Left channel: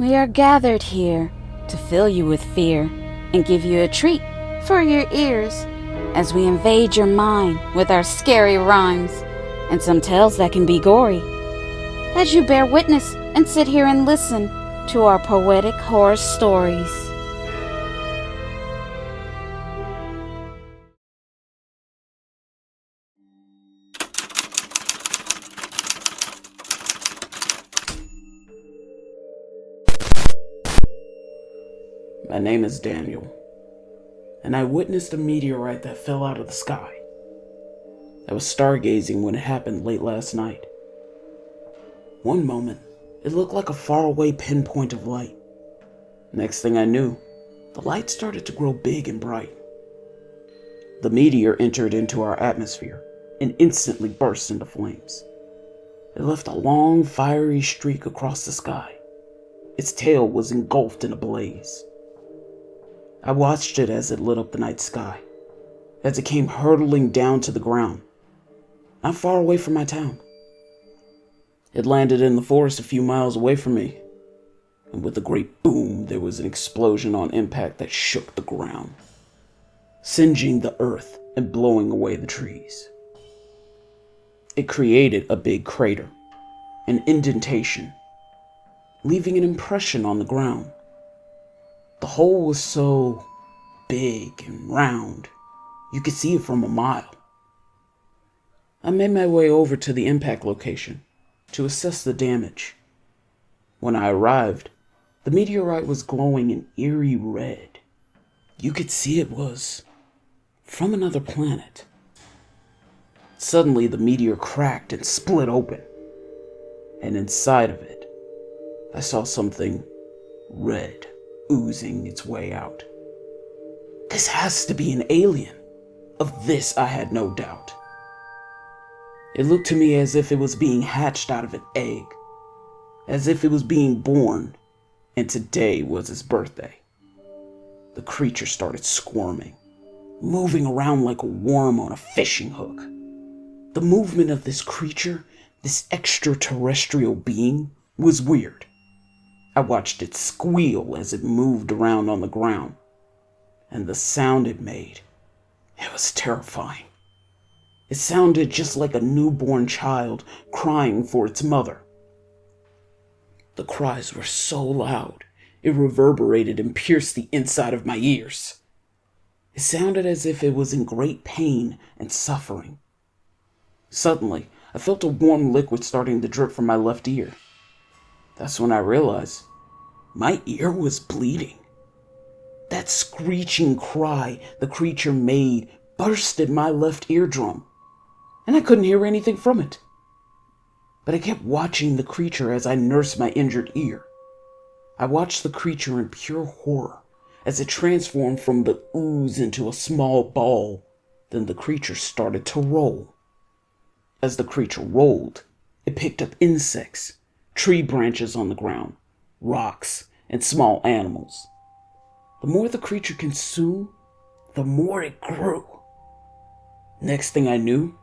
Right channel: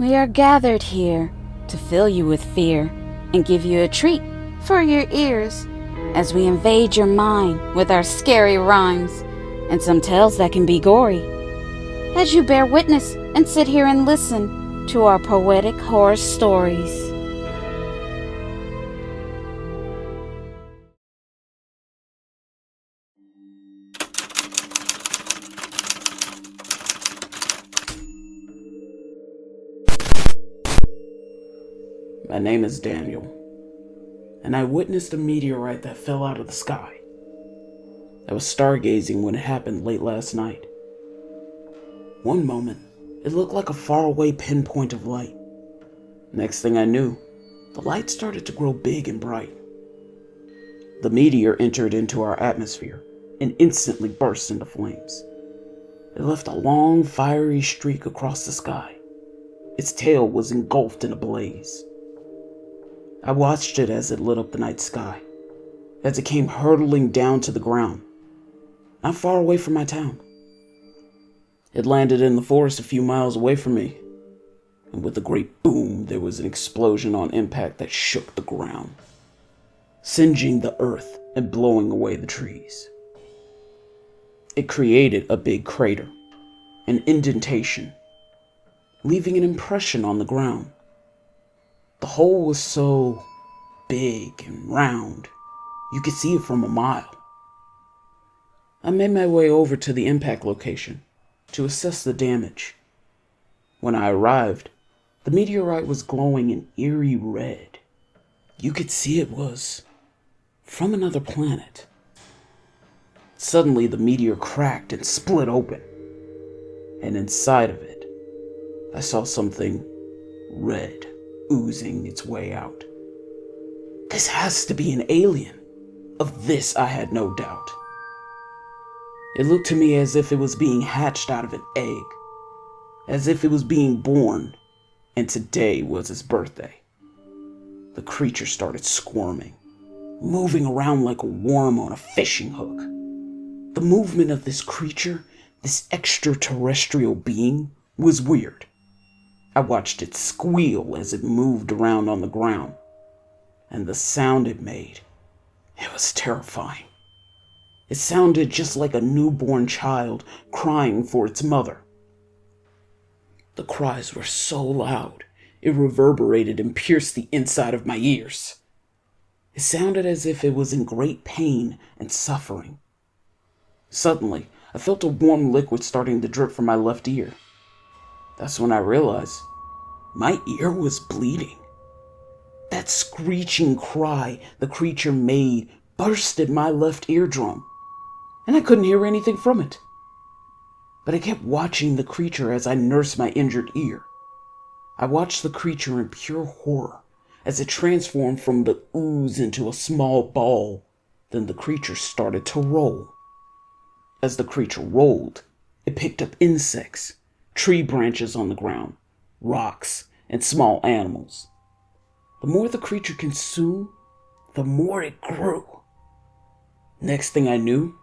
We are gathered here to fill you with fear and give you a treat for your ears as we invade your mind with our scary rhymes and some tales that can be gory. As you bear witness and sit here and listen to our poetic horror stories. My name is Daniel, and I witnessed a meteorite that fell out of the sky. I was stargazing when it happened late last night. One moment, it looked like a faraway pinpoint of light. Next thing I knew, the light started to grow big and bright. The meteor entered into our atmosphere and instantly burst into flames. It left a long, fiery streak across the sky. Its tail was engulfed in a blaze. I watched it as it lit up the night sky, as it came hurtling down to the ground, not far away from my town. It landed in the forest a few miles away from me, and with a great boom, there was an explosion on impact that shook the ground, singeing the earth and blowing away the trees. It created a big crater, an indentation, leaving an impression on the ground. The hole was so big and round, you could see it from a mile. I made my way over to the impact location to assess the damage. When I arrived, the meteorite was glowing an eerie red. You could see it was from another planet. Suddenly, the meteor cracked and split open, and inside of it, I saw something red oozing its way out. This has to be an alien. Of this I had no doubt. It looked to me as if it was being hatched out of an egg, as if it was being born, and today was its birthday. The creature started squirming, moving around like a worm on a fishing hook. The movement of this creature, this extraterrestrial being, was weird. I watched it squeal as it moved around on the ground, and the sound it made, it was terrifying. It sounded just like a newborn child crying for its mother. The cries were so loud, it reverberated and pierced the inside of my ears. It sounded as if it was in great pain and suffering. Suddenly, I felt a warm liquid starting to drip from my left ear. That's when I realized my ear was bleeding. That screeching cry the creature made bursted my left eardrum, and I couldn't hear anything from it. But I kept watching the creature as I nursed my injured ear. I watched the creature in pure horror as it transformed from the ooze into a small ball. Then the creature started to roll. As the creature rolled, it picked up insects, tree branches on the ground, rocks, and small animals. The more the creature consumed, the more it grew. Next thing I knew,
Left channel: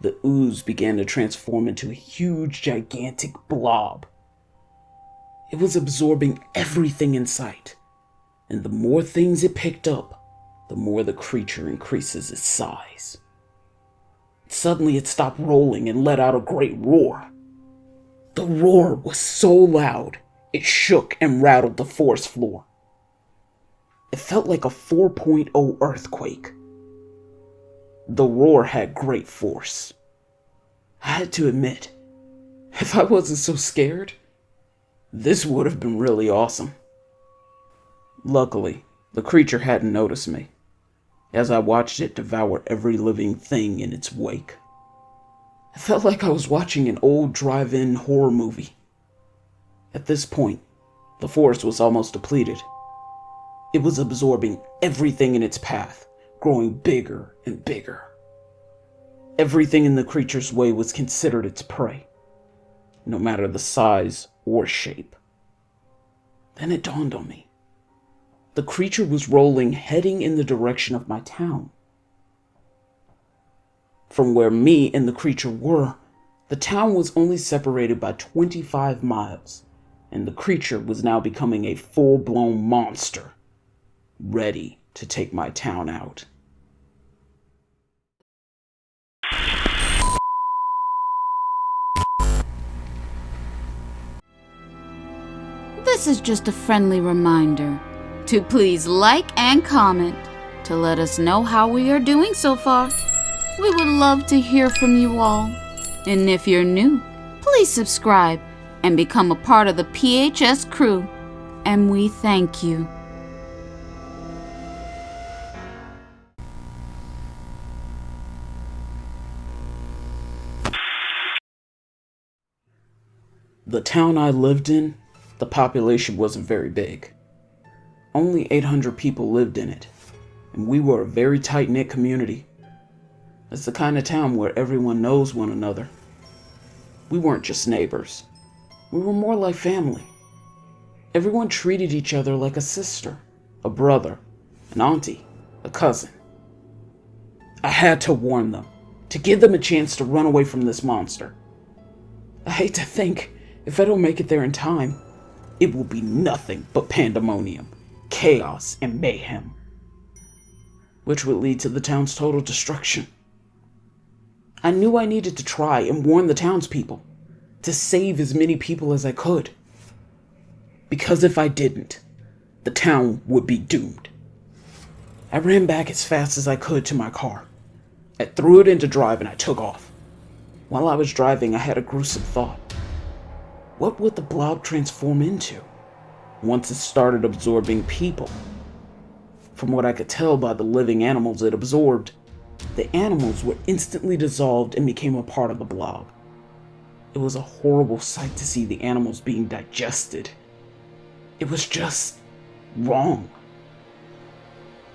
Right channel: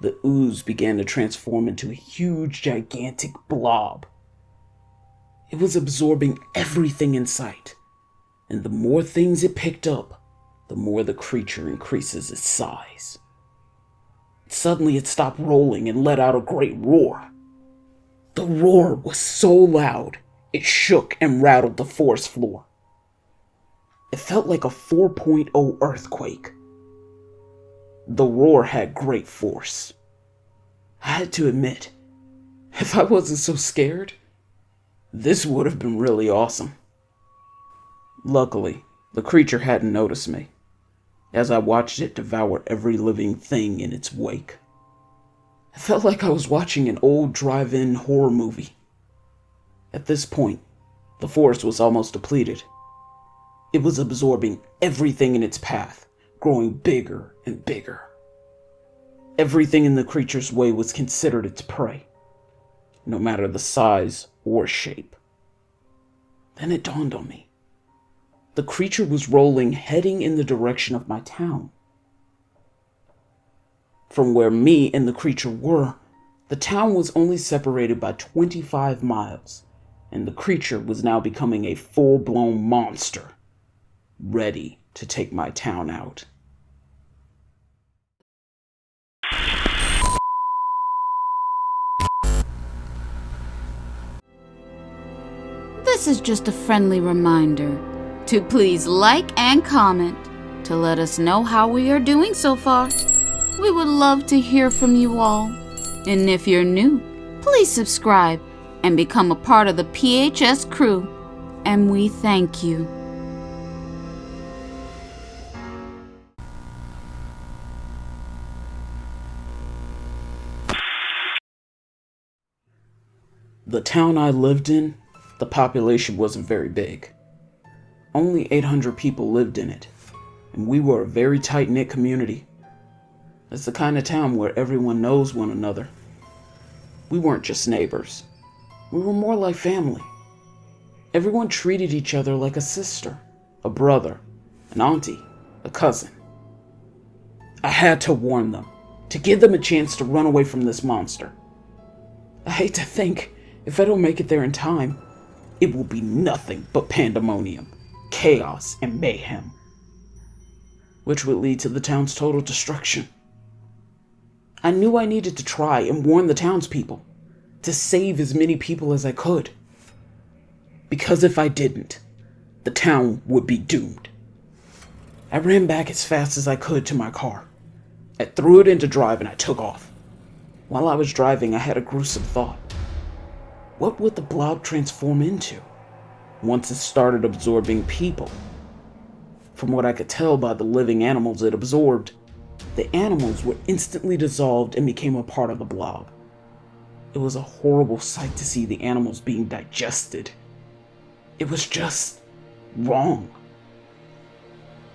the ooze began to transform into a huge, gigantic blob. It was absorbing everything in sight, and the more things it picked up, the more the creature increases its size. Suddenly it stopped rolling and let out a great roar. The roar was so loud, it shook and rattled the forest floor. It felt like a 4.0 earthquake. The roar had great force. I had to admit, if I wasn't so scared, this would have been really awesome. Luckily, the creature hadn't noticed me, as I watched it devour every living thing in its wake. It felt like I was watching an old drive-in horror movie. At this point, the forest was almost depleted. It was absorbing everything in its path, growing bigger and bigger. Everything in the creature's way was considered its prey, no matter the size or shape. Then it dawned on me. The creature was rolling, heading in the direction of my town. From where me and the creature were, the town was only separated by 25 miles, and the creature was now becoming a full-blown monster, ready to take my town out. This is just a friendly reminder to please like and comment to let us know how we are doing so far. We would love to hear from you all. And if you're new, please subscribe and become a part of the PHS crew. And we thank you. The town I lived in, the population wasn't very big. Only 800 people lived in it, and we were a very tight-knit community. It's the kind of town where everyone knows one another. We weren't just neighbors. We were more like family. Everyone treated each other like a sister, a brother, an auntie, a cousin. I had to warn them, to give them a chance to run away from this monster. I hate to think, if I don't make it there in time, it will be nothing but pandemonium, chaos, and mayhem, which would lead to the town's total destruction. I knew I needed to try and warn the townspeople, to save as many people as I could. Because if I didn't, the town would be doomed. I ran back as fast as I could to my car. I threw it into drive and I took off. While I was driving, I had a gruesome thought. What would the blob transform into once it started absorbing people? From what I could tell by the living animals it absorbed, the animals were instantly dissolved and became a part of the blob. It was a horrible sight to see the animals being digested. It was just wrong.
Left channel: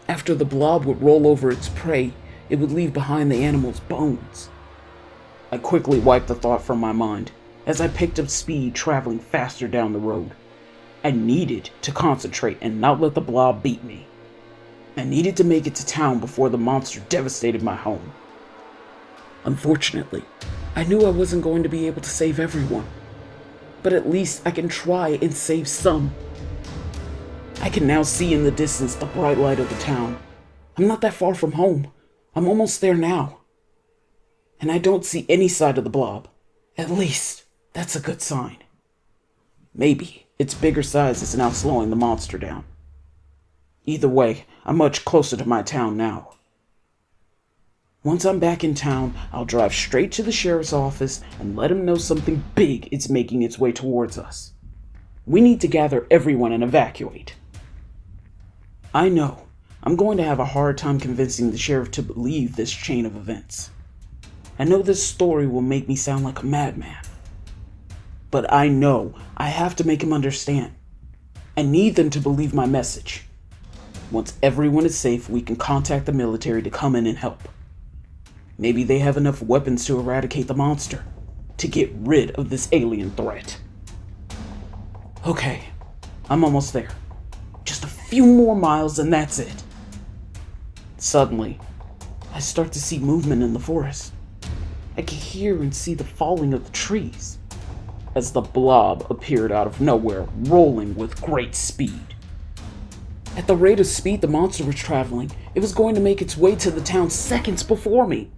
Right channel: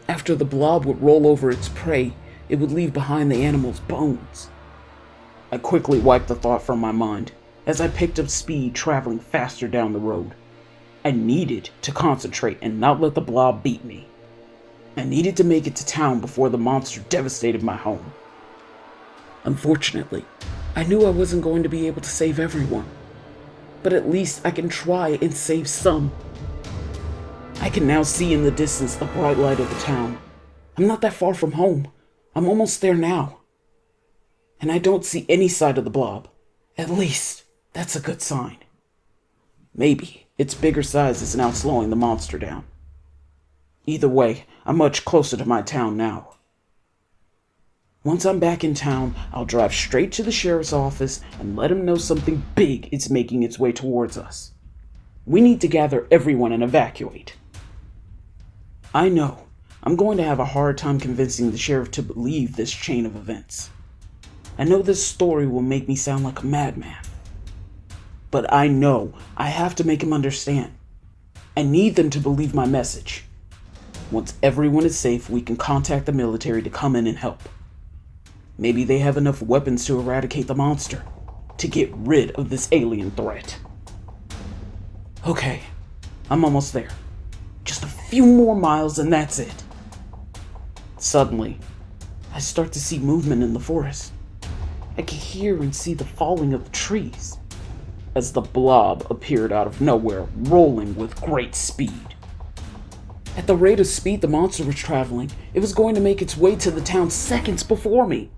After the blob would roll over its prey, it would leave behind the animal's bones. I quickly wiped the thought from my mind as I picked up speed, traveling faster down the road. I needed to concentrate and not let the blob beat me. I needed to make it to town before the monster devastated my home. Unfortunately, I knew I wasn't going to be able to save everyone, but at least I can try and save some. I can now see in the distance the bright light of the town. I'm not that far from home. I'm almost there now. And I don't see any sign of the blob. At least, that's a good sign. Maybe its bigger size is now slowing the monster down. Either way, I'm much closer to my town now. Once I'm back in town, I'll drive straight to the sheriff's office and let him know something big is making its way towards us. We need to gather everyone and evacuate. I know I'm going to have a hard time convincing the sheriff to believe this chain of events. I know this story will make me sound like a madman. But I know I have to make him understand. I need them to believe my message. Once everyone is safe, we can contact the military to come in and help. Maybe they have enough weapons to eradicate the monster, to get rid of this alien threat. Okay, I'm almost there. Just a few more miles and that's it. Suddenly, I start to see movement in the forest. I can hear and see the falling of the trees as the blob appeared out of nowhere, rolling with great speed. At the rate of speed the monster was traveling, it was going to make its way to the town seconds before me.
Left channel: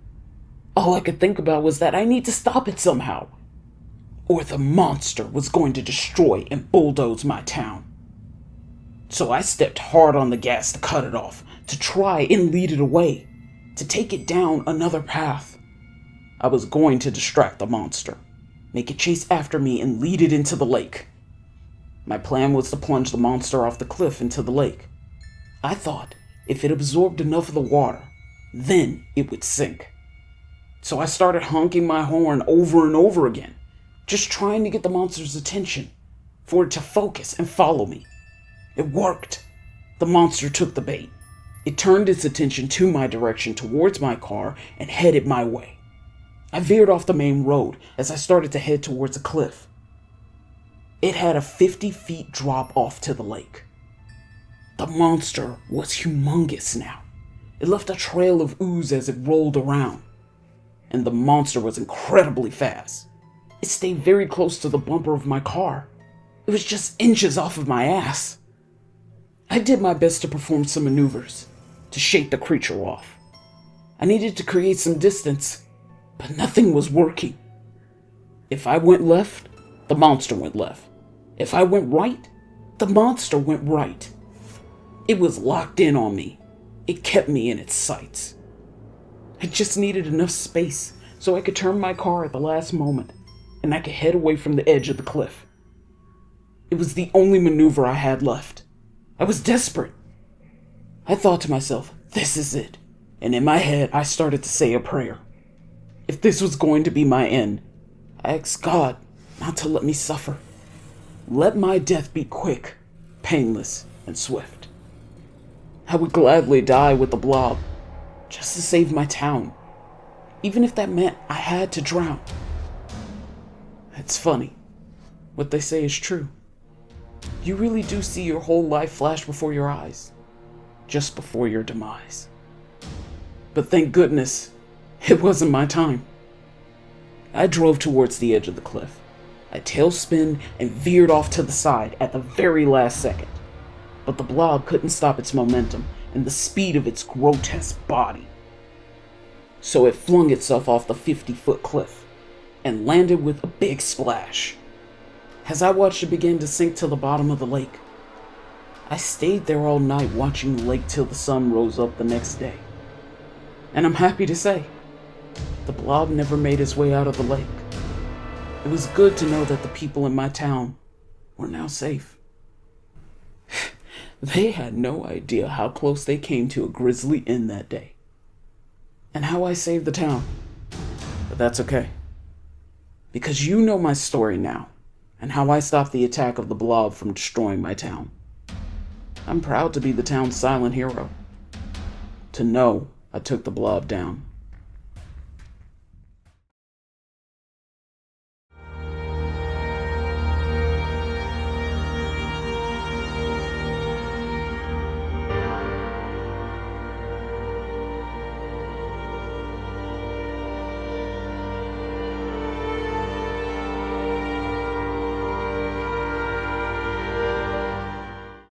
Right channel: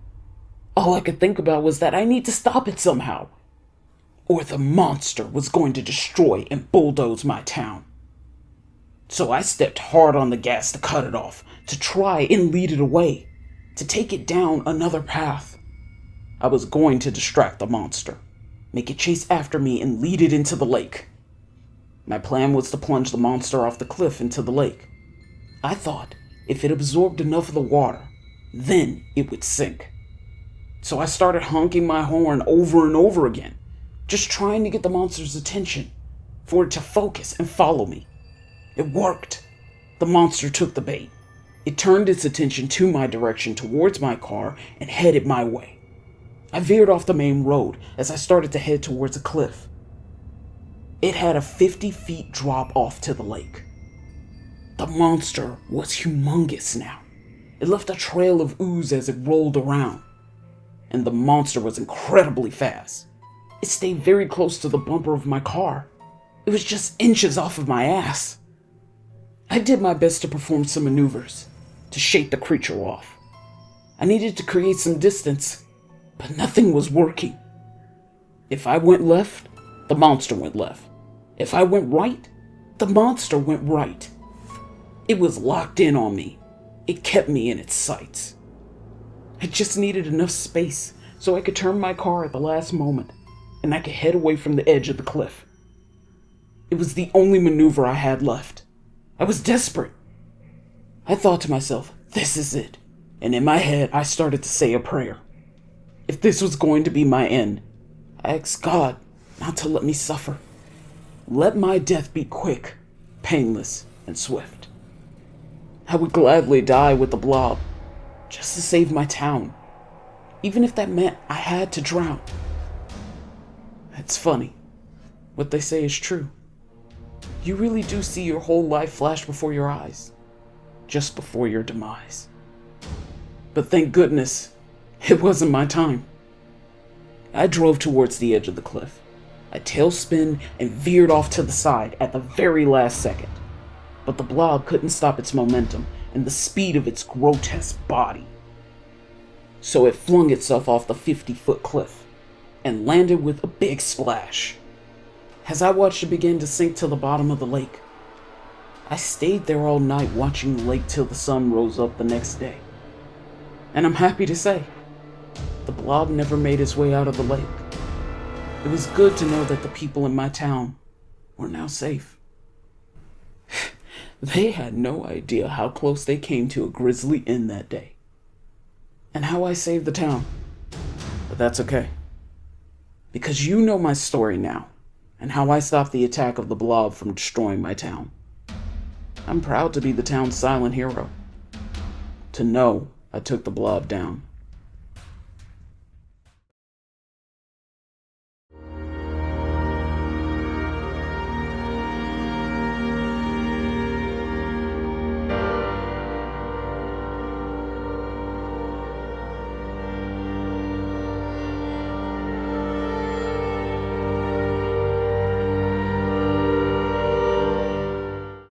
All I could think about was that I need to stop it somehow, or the monster was going to destroy and bulldoze my town. So I stepped hard on the gas to cut it off, to try and lead it away, to take it down another path. I was going to distract the monster, make it chase after me and lead it into the lake. My plan was to plunge the monster off the cliff into the lake. I thought if it absorbed enough of the water, then it would sink. So I started honking my horn over and over again, just trying to get the monster's attention, for it to focus and follow me. It worked. The monster took the bait. It turned its attention to my direction towards my car and headed my way. I veered off the main road as I started to head towards a cliff. It had a 50 feet drop off to the lake. The monster was humongous now. It left a trail of ooze as it rolled around. And the monster was incredibly fast. It stayed very close to the bumper of my car. It was just inches off of my ass. I did my best to perform some maneuvers, to shake the creature off. I needed to create some distance, but nothing was working. If I went left, the monster went left. If I went right, the monster went right. It was locked in on me. It kept me in its sights. I just needed enough space so I could turn my car at the last moment, and I could head away from the edge of the cliff. It was the only maneuver I had left. I was desperate. I thought to myself, this is it. And in my head, I started to say a prayer. If this was going to be my end, I asked God not to let me suffer. Let my death be quick, painless, and swift. I would gladly die with the Blob, just to save my town, even if that meant I had to drown. It's funny. What they say is true. You really do see your whole life flash before your eyes, just before your demise. But thank goodness, it wasn't my time. I drove towards the edge of the cliff. I tailspinned and veered off to the side at the very last second. But the Blob couldn't stop its momentum and the speed of its grotesque body. So it flung itself off the 50-foot cliff and landed with a big splash. As I watched it begin to sink to the bottom of the lake, I stayed there all night watching the lake till the sun rose up the next day. And I'm happy to say, the Blob never made its way out of the lake. It was good to know that the people in my town were now safe. They had no idea how close they came to a grisly end that day, and how I saved the town. But that's okay, because you know my story now, and how I stopped the attack of the Blob from destroying my town. I'm proud to be the town's silent hero, to know I took the Blob down.